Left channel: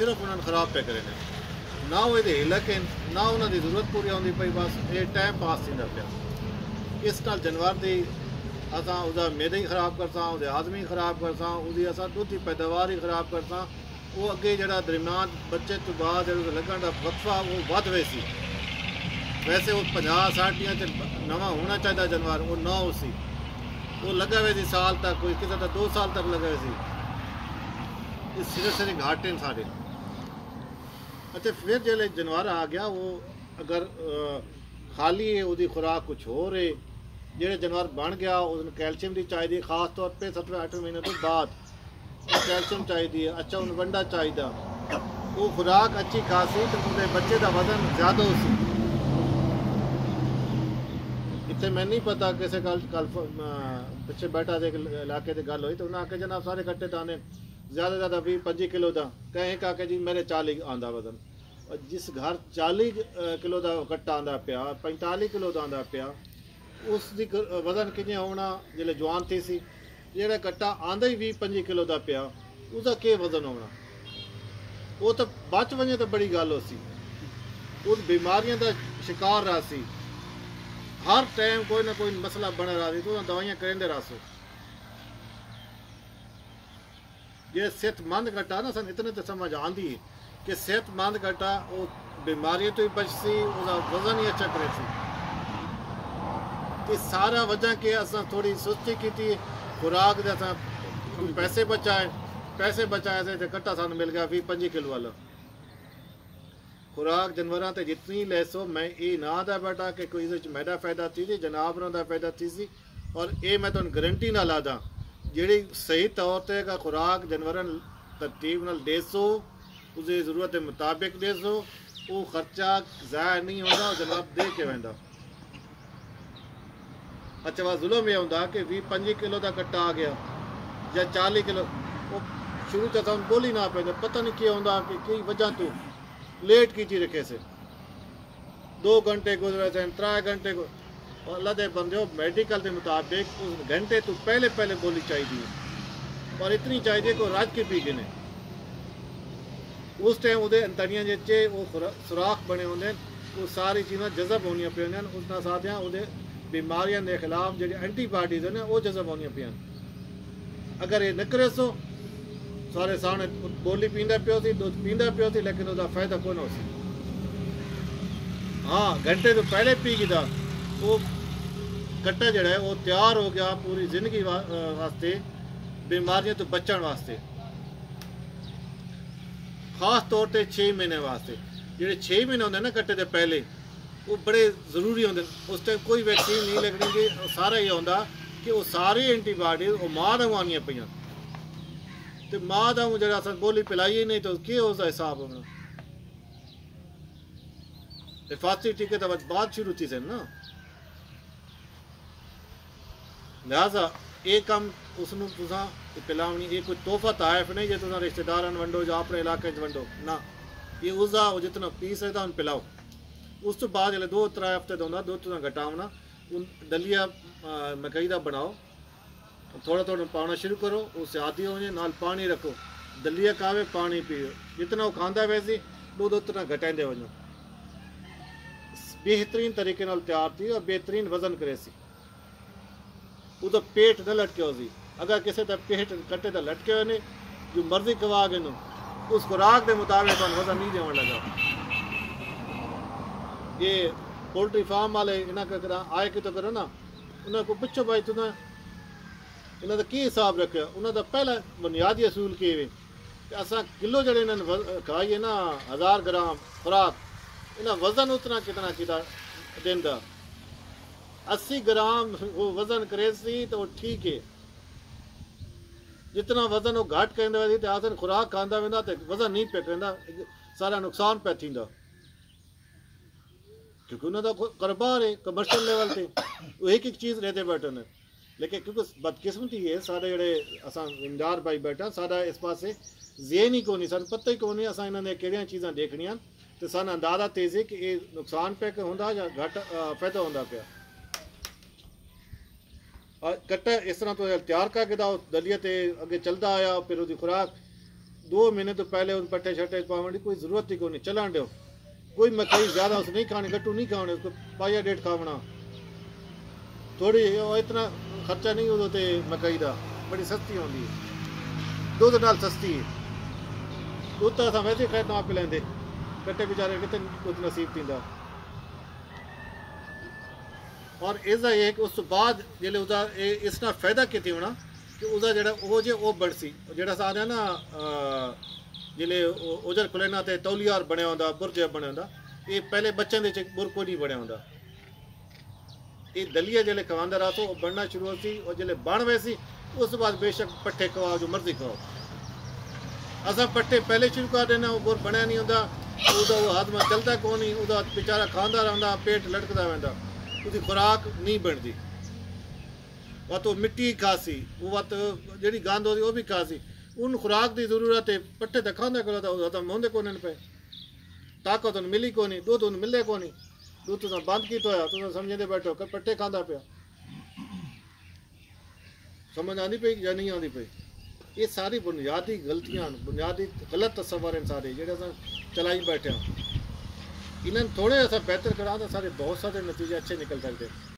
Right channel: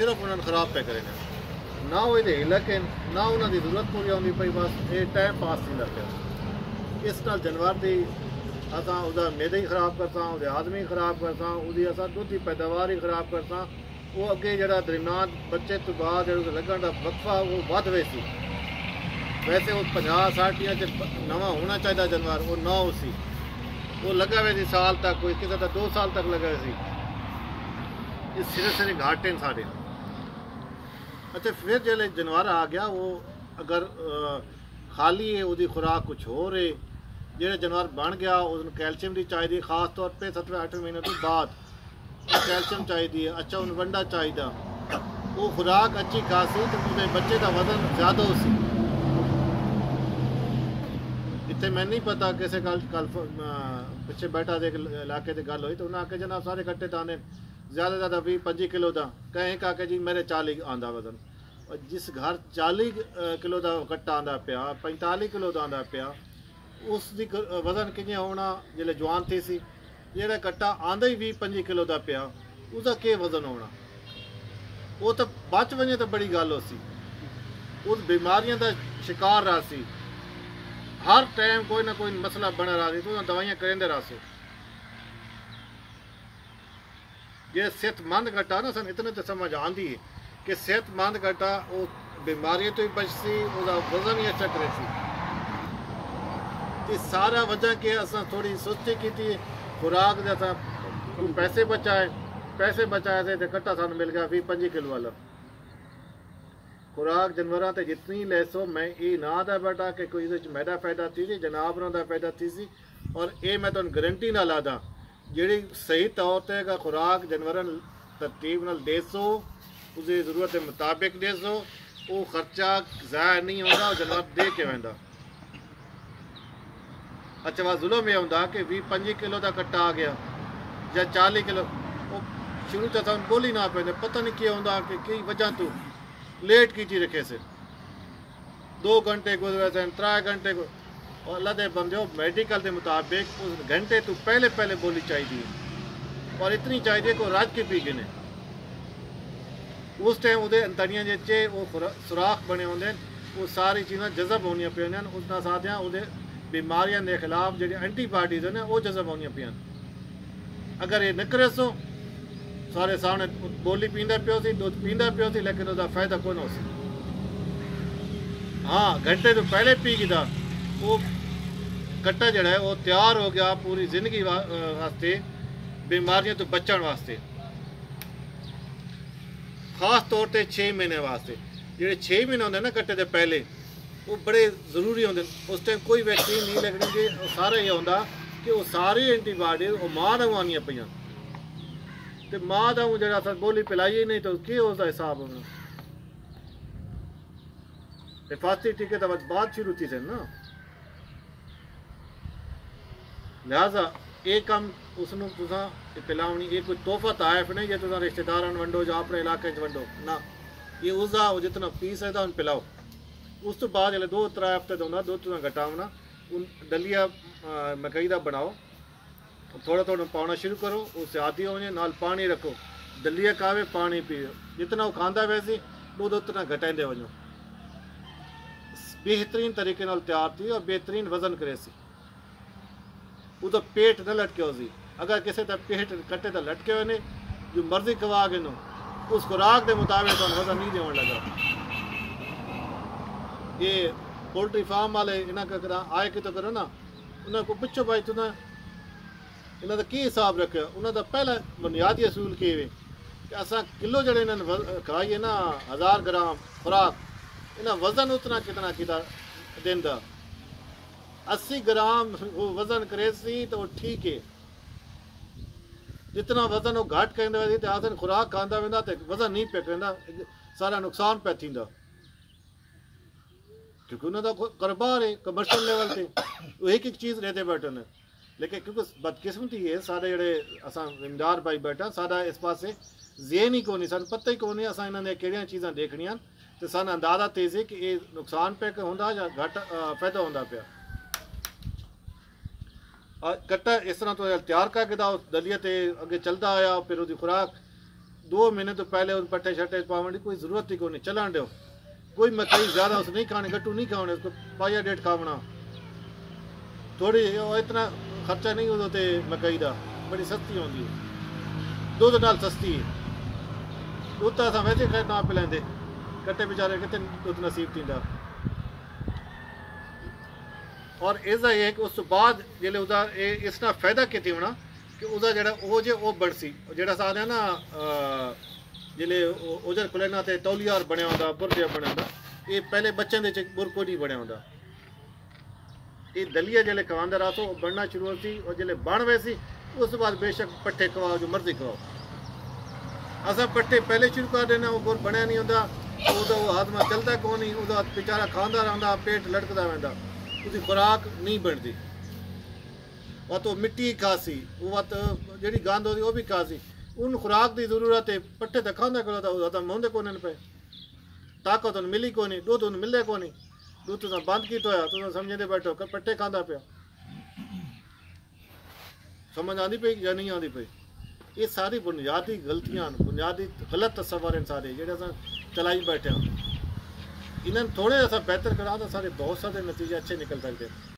सिर्फ उन्होंने खराब पे करे ना वो हिलक ना उन्होंने जरूरत पूरी आती पई बस ये टाइम पास थींदा पिया इस नाल जानवर की असां उसका मेद ही खराब करसा उसके हाजमे ही खराब करसा उसकी असां दुध की पैदावार ही खराब करसा वो अगे जो दरम्यान बच्चे तो बाद लगन का वक्फा वो वध वैसी वैसे वो 50-60 नवा होना चाहिए जानवर वो ना उसी वो लगा हुए सी साल तक कोई किसी का 2 साल तक लगा हुए सी सिरे सिरे घाटे साढ़े। अच्छा फिर जो जानवर आ गया वो अगर खाली है उसकी खुराक कुछ हो रही जो जानवर बन गया उसमें कैल्शियम की चाहिए खास तौर पर 7वें-8वें महीने तो बाद कैल्शियम चाहिए। अच्छा उन वंडा चाहिए वो खुराक अच्छी खासी तो उनके बच्चे का वजन ज़्यादा उसी इतने मैं नहीं पता किसी कल पिछले बैठा दे इलाके की गल हुई तो उन्हें आके जनाब सारे कट्टे दाने ज़्यादा 20-25 किलो का कहें आके जी मेरे 40 आंदा वजन और जिस घर 40 किलो का कट्टा आंदा पिया 45 किलो का आंदा पिया उसकी वजन किमें होना जिले जवान थी सी जो कट्टा आंदा ही 20-25 किलो का पिया उसका के वजन होना वो तो बच वजे तो बड़ी गल हो सी उस बीमारियों का शिकार रहा सी हर टाइम कोई ना कोई मसला बना रहा थी तो दवाइयां करेंदे रहो ये सेहतमंद कट्टा ना सन इतने तो समझ आती है कि सेहतमंद कट्टा वो बीमारियों तो ही बचती उसका वजन ही अच्छा करे सी सारा वजह के असा थोड़ी सुस्ती की खुराक पैसे बचाए थे कट्टा सानू मिल गया 20-25 किलो वाला खुराक जानवरों से जितनी लैसो मैं ये ना दा बेटा कि कोई मैदा फायदा थी सी जनावरों का फायदा थी सी और ये मैं तुम गारंटी ना ला दा जी सही तौर पर खुराक जानवर तरतीब नाल देसो उसकी जरूरत के मुताबिक देसो वो खर्चा ज़ाया नहीं होता जानवर दे के वेंदा। अच्छा वह जुल्म यह होंदा कि 20-25 किलो का कट्टा आ गया या 40 किलो वो शुरू से बोली ना पे पता नहीं क्या होंदा कि कई वजह तो लेट की रखे से 2 घंटे गुजरे थे 3 घंटे और अल्लाह के बंदे मेडिकल के मुताबिक उस घंटे तो पहले बोली चाहिए और इतनी चाहिए को रज के पी गिने उस टाइम वो अंतड़ियाँ जे वो सुराख बने होंगे वो सारी चीज़ा जजब होनी पे उस साथ वो बीमारियों के खिलाफ जी एंटीबॉडीज ने वो जजब होनी पे अगर ये न करे सो सारे सामने बोली पींदा पियो सी दूध पींदा पियो सी लेकिन उसका फायदा कौन हो सी हाँ घंटे तो पहले पी गया वो कट्टा जड़ा है वो तैयार हो गया पूरी जिंदगी वास्ते बीमारियों तो बचने वास्ते खास तौर पर 6 महीने वास्ते जो 6 महीने होंगे ना कट्टे के पहले वो बड़े जरूरी होंगे उस टाइम कोई वैक्सीन नहीं लगनी कि सारा ये होंगे कि वो सारी एंटीबॉडीज वो माँ का आनी पे तो माँ का जो बोली पिलाई नहीं तो क्या उसका हिसाब होना हिफाजती टीके तो बाद शुरू थी सन ना लिहाजा ये कम उसनों पिलावनी ये कोई तोहफा तायफ नहीं जो तुम रिश्तेदार वंडो जो अपने इलाके वंडो ना ये उसका जितना पीस है उन पिलाओ उस तो बाद जो 2-3 हफ्ते तो होंगे दुध घटावना उन दलिया मकई का बनाओ थोड़ा पाना शुरू करो उससे आदि होने नाल पानी रखो दलिया कावे पानी पियो जितना वो खांदा वैसे दूध उतना घटाइंदे वजो बेहतरीन तरीके नाल तैयार थी और बेहतरीन वजन करे सी वो पेट न लटके हो सी अगर किसी का पेट कट्टे तो लटके हुए जो मर्जी कवा के नो उस खुराक के मुताबिक वजन नहीं देवन लगा ये पोल्ट्री फार्म वाले इन्हें आए कि तो करो ना उन्हें को पुछो भाई तुम इन्हों का की हिसाब रखे उन्होंने पहला बुनियादी असूल कि असा किलो जड़े इन्हें खाइए ना 1000 ग्राम खुराक इन्हें वजन उतना कितना किता देंदा 80 ग्राम वो वजन करे सी तो ठीक है जितना वजन वो घट करेंदा तो आसन खुराक खांदा वेंदा तो वजन नहीं पे करेंदा सारा नुकसान पे थींदा क्योंकि उन्होंने कारोबार है कमर्शियल लेवल से वो एक चीज़ लेते बैठे ने लेकिन क्योंकि बदकिस्मती है सारे जड़े असा जिम्मेदार भाई बैठा सारा इस पास जेन ही कोनी सन पता ही कोनी असा इन्होंने केड़ियां चीज़ां देखनियां तो सन अंदाजा तेज़ी कि ये नुकसान पे होंदा या घट फायदा होंदा पिया कट्टा इस तरह तो तैयार करके दलिया ते अगे चलता आया फिर उसकी खुराक 2 महीने तो पहले उन पट्टे शट्टे पावन की कोई ज़रूरत ही को नहीं, चलान दो। कोई मकई ज़्यादा उस नहीं खानी, गट्टू नहीं खाने, उसको पाया डेढ़ खावना थोड़ी, इतना खर्चा नहीं होते मकई का, बड़ी सस्ती होती है, दुध नाल सस्ती है। दुध तो अस वैसे खैर ना पिलाते, कट्टे बेचारे कितने दुध नसीब थींदा। और इसका एक उस बाद जिले उसका इसना फायदा कितने होना कि उसका जरा वो जो वो बड़ सी जरा सारे ना जिले उधर खुलेना ते तौलियार बनया होंदा, बुरज बनया होंदा, ये पहले बच्चों के बुर को नहीं बनया होंदा। ये दलिया जिले खवांदा रहा तो बनना शुरू होती, और जिले बन वैसी उस बाद बेशक पट्ठे खवाओ जो मर्जी खवाओ। असा पट्ठे पहले शुरू कर देना, वो बुर बनया नहीं होंदा, उसका वो हाथमा चलता कौन नहीं, उसका बेचारा खांदा रहा, पेट लटकता रहता, उसकी खुराक नहीं बनती। वह तो मिट्टी खासी, वो जी गंद होती वो भी खासी, उन खुराक की जरूरत है। पट्ठे तो खांदा करो तो मोहंदे को पे, ताकत उन मिली को नहीं, दूध उन मिले को नहीं, दूध तुम बंद की तो तुम समझते बैठो पट्ठे खांदा पिया। समझ आती पई या नहीं आती पई? ये सारी बुनियादी गलतियां, बुनियादी गलत तस्वर हैं सारे जो चलाई बैठे हैं। इन्हें थोड़े ऐसा बेहतर करा तो सारे बहुत सारे नतीजे अच्छे निकल सकते हैं।